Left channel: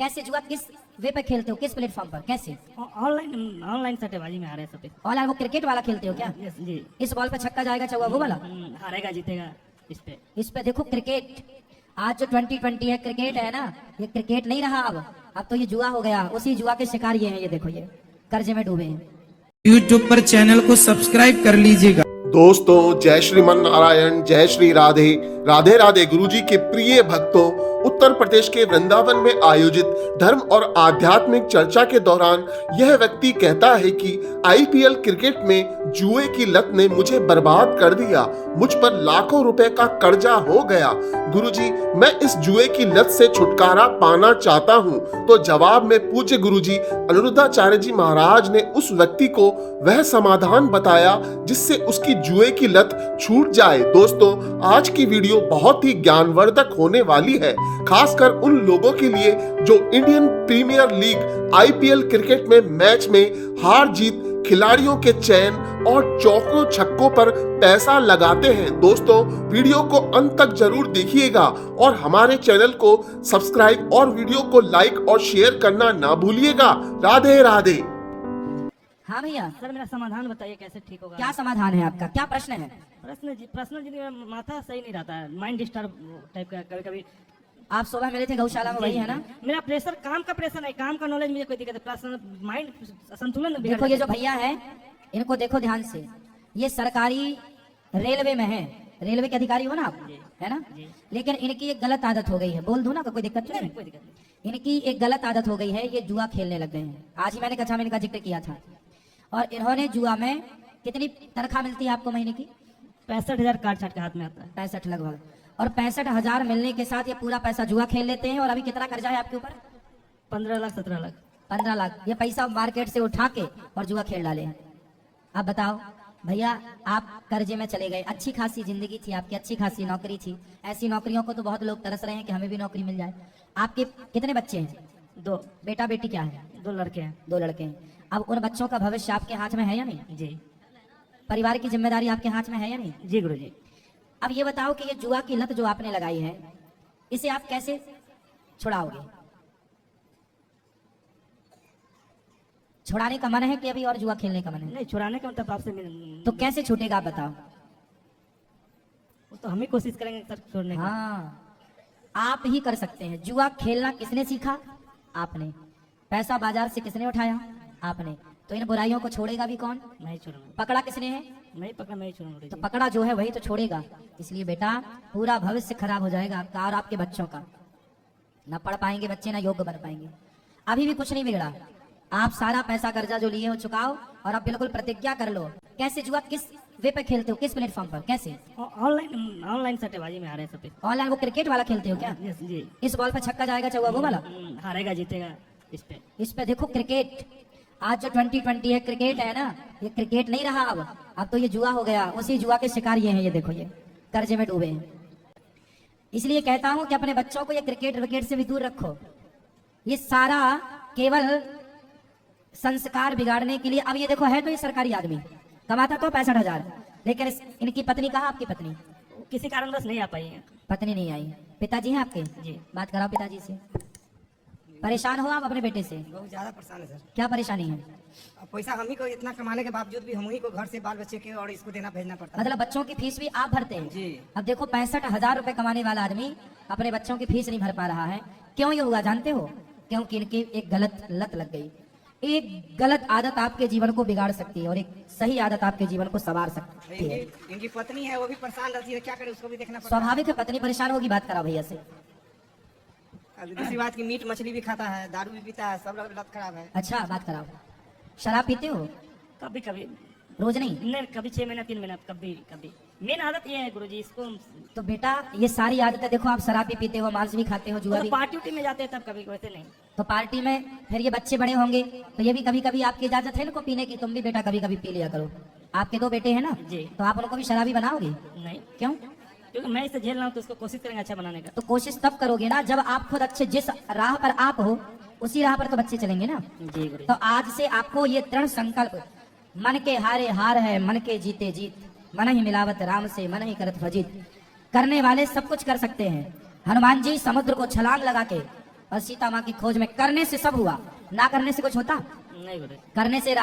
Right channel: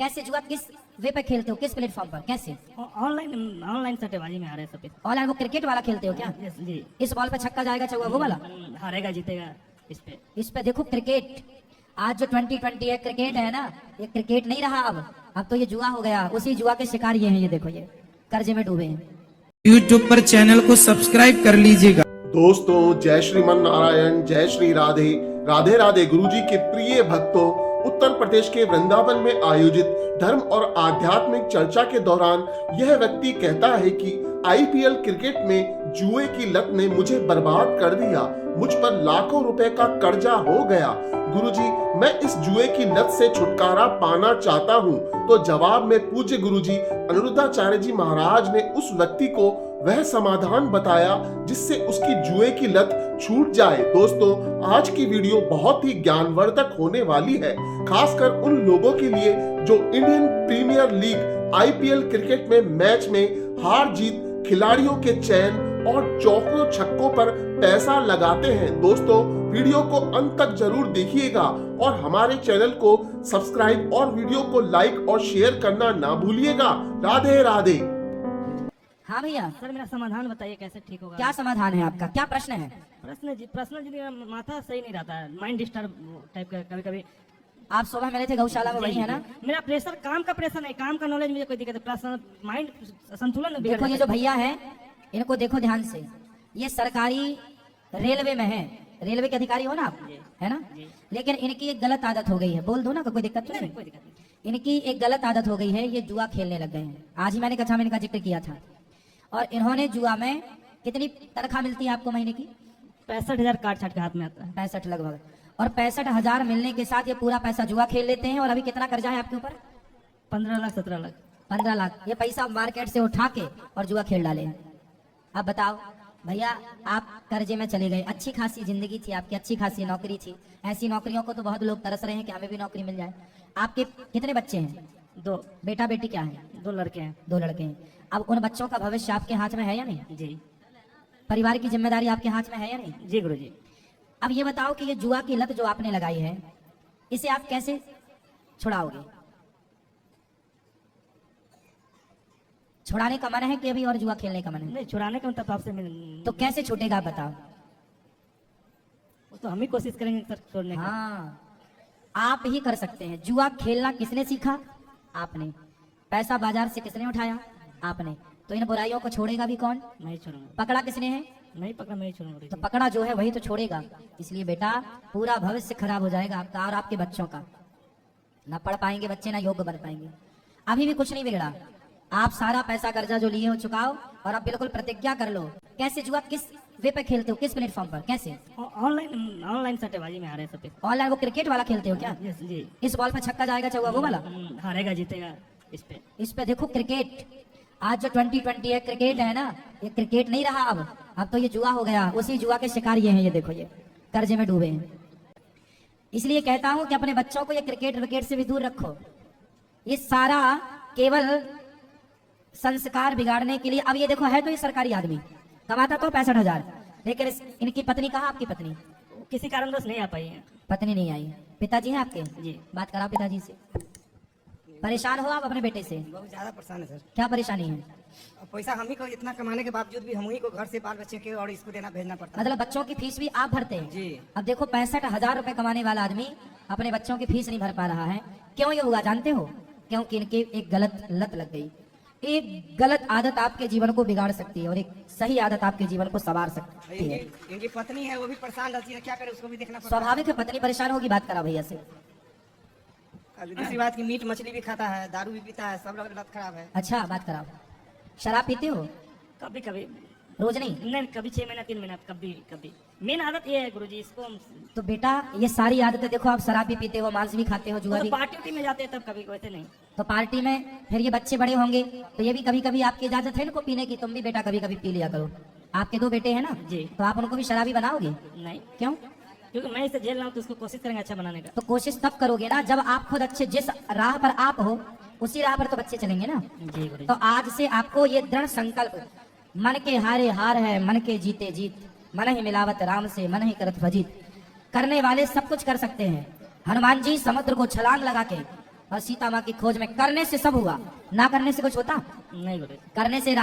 कैसे जुआ किस वे पे खेलते हो, किस प्लेटफॉर्म पर, कैसे? ऑनलाइन ऑनलाइन सट्टेबाजी में आ रहे हैं सब। ऑनलाइन वो क्रिकेट वाला खेलते हो क्या? जी। इस बॉल पे छक्का जाएगा चौका वो वाला? हारेगा जीतेगा इस पे देखो क्रिकेट, आज जो 2020 है क्रिकेट है ना, ये क्रिकेट नहीं रहा अब तो ये जुआ हो गया। उसी जुआ के शिकार ये हैं, ये देखो ये कर्जे में डूबे हैं। YouTube पर चैनल को सब्सक्राइब कर लीजिएगा। दोस्तों जय श्रीमन नारायण, जय श्री राधे राधे राधे। गुरुजी के प्रिय भक्तों, उत्तर प्रदेश के वृंदावन में आयोजित धर्म और आध्यात्मिक चर्चा के दौरान यह व्यक्ति कहता है कि IPL क्रिकेट में जुए की लत ने मुझे बर्बाद कर दिया, मुझ पर लाखों रुपए का कर्जा हो गया। गुरुजी, मैं इस जुए की लत से छुटकारा पाना चाहता हूँ। तो जवाब में पूज्य गुरुजी अनिरुद्धाचार्य जी महाराज ने उस व्यक्ति को वह समाधान बताया जिससे उसकी जुए की लत छूट जाए। दोस्तों, आज की वीडियो बहुत ही ज्ञानवर्धक होने वाली है, खासकर उन लोगों के लिए जो Indian Premier League IPL cricket में मैच में हार जीत, खिलाड़ियों के चयन और चौकों छक्कों पर पैसा लगाते हैं। दोस्तों, वीडियो को अंत तक जरूर देखिएगा और हमारे चैनल को सब्सक्राइब और वीडियो को लाइक और शेयर करना ना भूलिएगा। राधे राधे। हाँ भैया, सर मेरा समाधान बताइए कैसे ठीक होगा। क्या समाधान है आपका, क्या प्रश्न है? प्रश्न जी माथा सही नहीं रहता है, माइंड डिस्टर्ब टाइप का कभी कभी। आप सुबह मिले थे गौशाला में, वही है ना? मेरा प्रेशर, काम का प्रेशर नहीं, काम का नॉलेज मुझे कोई दिक्कत है, माइंड संतुलन बिगड़ देखो ये जो भैया है इनको देखो ध्यान से, ये सरकारी रेलवे में है, रेलवे के अधिकारी हो ना आप, है ना? लेकिन इनकी एक गलत आदत हो गई है, बोल दो ना, कोई दिक्कत नहीं? कोई दिक्कत नहीं। इनकी एक गलत आदत हो गई है, ये जुआ खेलने लग गए हैं। आज ही मैंने कक्षा में इनका जिक्र किया था। और इन्होंने जुआ में कितनी तनख्वाह मिलती है आपको महीने की? 65,000 कार्ड छट के हाथ में आता है। 65 लगभग। और 65,000 मिलने के साथ ये पूरा पैसा जुआ खेल लेते हैं। और अभी कितना कर्जा है आपके ऊपर? 15 लाख 17 लाख। 15 लाख ये पैसा मार्केट से उठा के और जुआ खेल डाले। अब बताओ भैया, आप कर्जे में चले गए, अच्छी खासी जिंदगी थी आपकी, अच्छी खासी नौकरी थी। ऐसी नौकरियों को तो बहुत लोग तरस रहे हैं कि हमें भी नौकरी मिल जाए। आपके कितने बच्चे हैं? 2 बेटा बेटी क्या है? 2 लड़के हैं। 2 लड़के हैं। अब उन बच्चों का भविष्य आपके हाथ में है या नहीं? जी। परिवार की जिम्मेदारी आपके हाथ में है या नहीं? जी गुरुजी। अब ये बताओ कि ये जुआ की लत जो आपने लगाई है, इसे आप कैसे छुड़ाओगे? छुड़ाने का मन है कि अभी और जुआ खेलने का मन है? नहीं, छुड़ाने का मतलब आपसे तो कैसे छूटेगा आप बताओ? वो तो हम ही कोशिश करेंगे सर छोड़ने की। हाँ, आप ही कर सकते हैं। जुआ खेलना किसने सीखा? आपने। पैसा बाजार से किसने उठाया? आपने। तो इन बुराइयों को छोड़ेगा भी कौन? नहीं छोड़ूंगा। पकड़ा किसने है? नहीं पकड़ा, नहीं छोड़ूंगा। तो पकड़ा जो है वही तो छोड़ेगा। इसलिए बेटा, पूरा भविष्य खराब हो जाएगा आपका और आपके बच्चों का। ना पढ़ पाएंगे बच्चे, ना योग्य बन पाएंगे। अभी भी कुछ नहीं बिगड़ा, आप सारा पैसा कर्जा जो लिए हो चुकाओ और अब बिल्कुल प्रतिज्ञा कर लो। कैसे जुआ किस वे पे खेलते हो, किस प्लेटफॉर्म पर, कैसे? ऑनलाइन सट्टेबाजी में आ रहे हैं सब। ऑनलाइन वो क्रिकेट वाला खेलते हो क्या? जी। इस बॉल पे छक्का जाएगा चौका वो वाला? हारेगा जीतेगा इस पे। देखो क्रिकेट, आज जो 2020 है क्रिकेट है ना, ये क्रिकेट नहीं रहा अब तो ये जुआ हो गया। उसी जुआ के शिकार ये हैं, ये देखो ये कर्जे में डूबे हैं। इसलिए कहता हूं कि अपने बच्चों को ये क्रिकेट विकेट से भी दूर रखो। ये सारा केवल संस्कार बिगाड़ने के लिए। अब ये देखो, है तो ये सरकारी आदमी, कमाता तो 65,000, लेकिन इनकी पत्नी कहाँ? आपकी पत्नी किसी कारणवश नहीं आ पाई है। पत्नी नहीं आई। पिताजी हैं आपके? जी। बात कराओ पिताजी से। परेशान हो आप अपने बेटे से? बहुत ज्यादा परेशान है सर। क्या परेशानी है? अब पैसा हम ही को इतना कमाने के बावजूद भी हम ही को घर से बाल बच्चे के और इसको देना भेजना पड़ता है। मतलब बच्चों की फीस भी आप भरते हैं? जी। अब देखो 65,000 रुपए कमाने वाला आदमी अपने बच्चों की फीस नहीं भर पा रहा है। क्यों ये होगा जानते हो? क्योंकि इनकी एक गलत लत लग गई। एक गलत आदत आपके जीवन को बिगाड़ सकती है और एक सही आदत आपके जीवन को संवार सकती है। इनकी पत्नी है, वो भी परेशान रहती है, क्या करे, उसको भी देखना पड़ता है। स्वाभाविक है, पत्नी परेशान होगी। बात करा भैया से। दूसरी बात की मीट मछली भी खाता है, दारू भी पीता है, सब लोग लत खराब है। अच्छा, बात कराओ। शराब पीते हो? कभी कभी, रोज नहीं? नहीं, कभी 6 महीना 3 महीना, कभी कभी। मेन आदत ये है गुरुजी, इसको तो बेटा ये सारी आदतें देखो, आप शराब भी पीते हो, मांस भी खाते हो, जुआ भी। पार्टी उटी में जाते हैं तब कभी, वैसे नहीं। तो पार्टी में फिर ये बच्चे बड़े होंगे तो ये भी कभी कभी आपकी इजाजत है इनको पीने की? तुम भी बेटा कभी कभी पी लिया करो। आपके 2 बेटे हैं ना? जी। तो आप उनको भी शराबी बनाओगे? नहीं, क्यों? क्योंकि मैं इसे झेल रहा हूँ तो उसको कोशिश करेंगे अच्छा बनाने का। तो कोशिश तब करोगे ना जब आप खुद अच्छे, जिस राह पर आप हो उसी राह पर तो बच्चे चलेंगे ना। जी गुरुजी। तो आज से आपको ये दृढ़ संकल्प, मन के हारे हार है, मन के जीते जीत, मन ही मिलावत राम से, मन ही करत भजित। करने वाले सब कुछ कर सकते हैं। हनुमान जी समुद्र को छलांग लगा के और सीता माँ की खोज में करने से सब हुआ, ना करने से कुछ होता? नहीं गुरु जी। करने से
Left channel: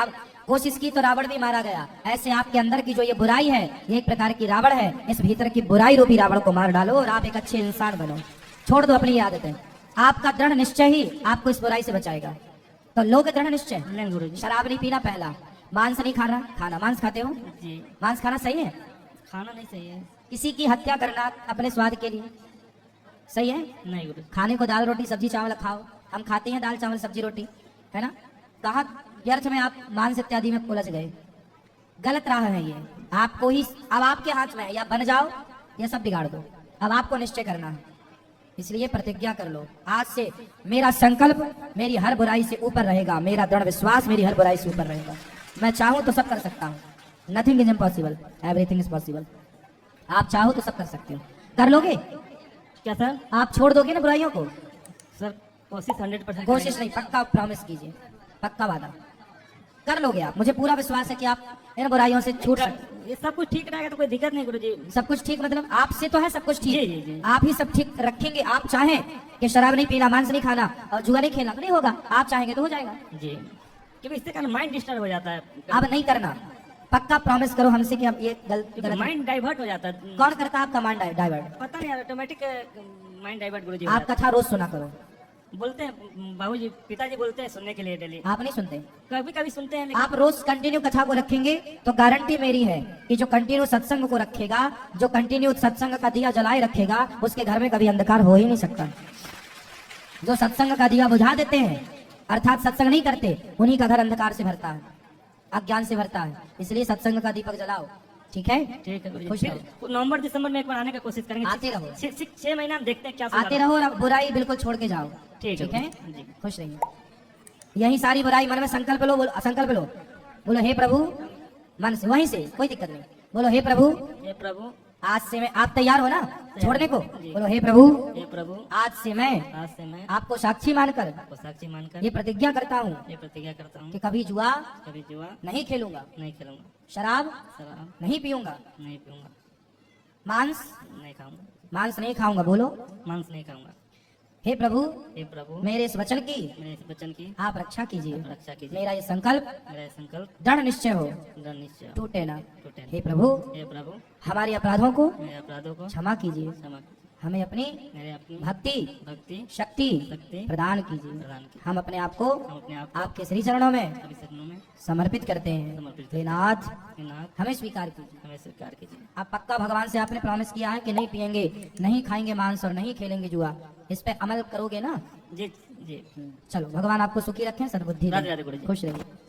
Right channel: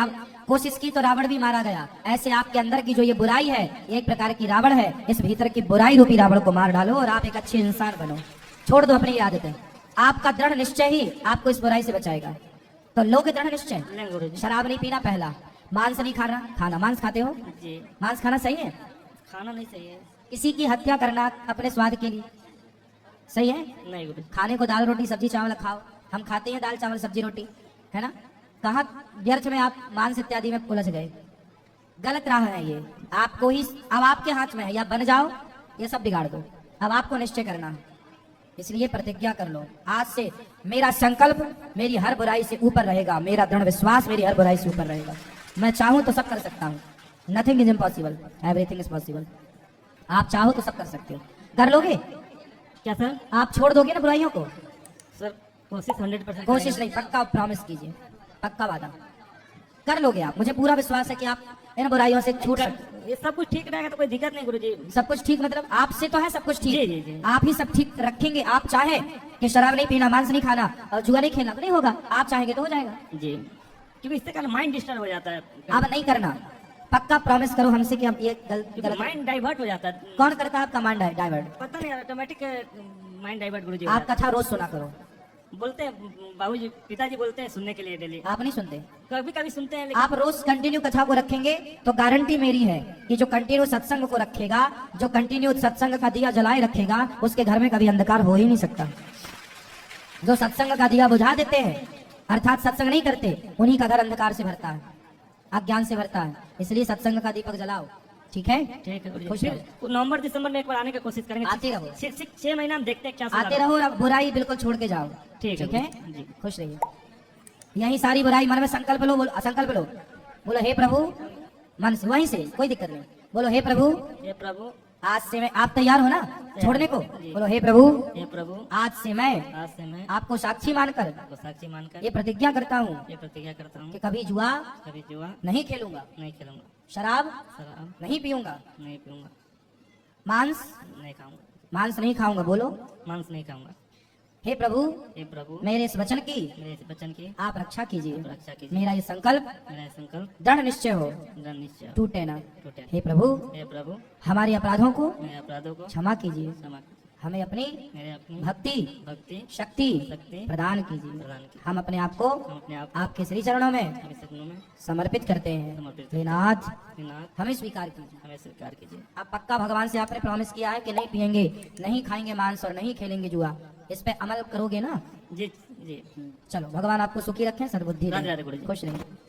कोशिश की तो रावण भी मारा गया। ऐसे आपके अंदर की जो ये बुराई है, ये एक प्रकार की रावण है। इस भीतर की बुराई रूपी रावण को मार डालो और आप एक अच्छे इंसान बनो। छोड़ दो अपनी ये आदतें। आपका दृढ़ निश्चय ही आपको इस बुराई से बचाएगा। तो लो के दृढ़ निश्चय। लेंगे गुरु जी। शराब नहीं पीना पहला, मांस नहीं खाना। मांस खाते हो? जी। मांस खाना सही है? खाना नहीं सही है। किसी की हत्या करना अपने स्वाद के लिए सही है? नहीं गुरु जी। खाने को दाल रोटी सब्जी चावल खाओ। हम खाते हैं दाल चावल सब्जी रोटी, है ना? कहाँ व्यर्थ में आप मांस इत्यादि में उलझ गए। गलत राह है ये। आपको ही, अब आपके हाथ में है, या बन जाओ या सब बिगाड़ दो। अब आपको निश्चय करना है। इसलिए प्रतिज्ञा कर लो, आज से मेरा संकल्प मेरी हर बुराई से ऊपर रहेगा, मेरा दृढ़ विश्वास मेरी हर बुराई से ऊपर रहेगा। मैं चाहूं तो सब कर सकता हूँ। Nothing is impossible, everything is possible. आप चाहो तो सब कर सकते हो। कर लोगे? क्या सर? आप छोड़ दोगे ना बुराइयों को? सर कोशिश 100% कोशिश नहीं, पक्का प्रॉमिस कीजिए, पक्का वादा कर लोगे आप। मुझे पूरा विश्वास है कि आप इन बुराइयों से छूट सकते। ये सब कुछ ठीक रहेगा तो कोई दिक्कत नहीं गुरु जी। सब कुछ ठीक मतलब आपसे तो है सब कुछ जी, जी, ठीक। जी। आप ही सब ठीक रखेंगे। आप चाहें कि शराब नहीं पीना, मांस नहीं खाना और जुआ नहीं खेलना, तो नहीं होगा। आप चाहेंगे तो हो जाएगा। जी, क्योंकि इससे क्या माइंड डिस्टर्ब हो जाता है। अब नहीं करना, पक्का प्रॉमिस करो हमसे कि आप ये गलत। माइंड डाइवर्ट हो जाता है। कौन करता है आपका माइंड डाइवर्ट? पता नहीं, ऑटोमेटिक माइंड डाइवर्ट गुरु जी। आप कथा रोज सुना करो। बोलते हैं बाबूजी, पिताजी बोलते हैं सुनने के लिए डेली। आप नहीं सुनते? कभी कभी सुनते हैं लेकिन आप रोज कंटिन्यू कथा को रखेंगे तो गारंटी मेरी है कि जो कंटिन्यू सत्संग को रखेगा, जो कंटिन्यू सत्संग का दिया जलाए रखेगा, उसके घर में कभी अंधकार हो ही नहीं सकता। जो सत्संग का दिया बुझा देते हैं, अर्थात सत्संग नहीं करते, उन्हीं का घर अंधकार से भरता है, अज्ञान से भरता है। इसलिए सत्संग का दीपक जलाओ, ठीक है? ठीक है गुरु जी। खुश फिर रहो। नवंबर दिसंबर में एक बार आने की कोशिश करेंगे। आते रहो। 6 महीना हम देखते हैं क्या आते सुधार रहो और अब बुराई बिल्कुल छोड़ के जाओ। ठीक है। है? जी। खुश रहिए। यही सारी बुराई मन में संकल्प लो, बोलो असंकल्प लो। बोलो हे प्रभु, मन से, वहीं से, कोई दिक्कत नहीं। बोलो हे प्रभु, हे प्रभु, आज से मैं, आप तैयार हो ना छोड़ने को? बोलो हे प्रभु, हे प्रभु, आज से मैं आज से मैं आपको साक्षी मानकर आपको साक्षी मानकर ये प्रतिज्ञा करता हूँ ये प्रतिज्ञा करता हूँ कि कभी जुआ कभी जुआ नहीं खेलूंगा, नहीं खेलूंगा, शराब शराब नहीं पीऊंगा, नहीं पीऊंगा, मांस नहीं खाऊंगा, मांस नहीं खाऊंगा। बोलो मांस नहीं खाऊंगा। हे प्रभु, हे प्रभु, मेरे इस वचन की मेरे इस वचन की आप रक्षा कीजिए। आप रक्षा कीजिए। मेरा ये संकल्प मेरा संकल्प दृढ़ निश्चय हो, दृढ़ निश्चय हो, टूटे ना। टूटे ना। हे प्रभु, हे प्रभु, हमारे अपराधों को मेरे अपराधों को क्षमा कीजिए, क्षमा कीजिए। हमें अपनी मेरे अपनी भक्ति भक्ति शक्ति शक्ति प्रदान कीजिए। प्रदान कीजिए। हम अपने आप को हम अपने आप आपके श्री चरणों में को सपनों में समर्पित करते हैं। समर्पित हे नाथ, हे नाथ, हमें स्वीकार कीजिए। हमें स्वीकार कीजिए। आप पक्का भगवान से आपने प्रॉमिस किया है कि नहीं पिएंगे, नहीं खाएंगे मांस और नहीं खेलेंगे जुआ। इस पे अमल करोगे ना? जी जी। चलो, भगवान आपको सुखी रखें, सद्बुद्धि राधे दें। राधे गुरु जी। खुश रहिए।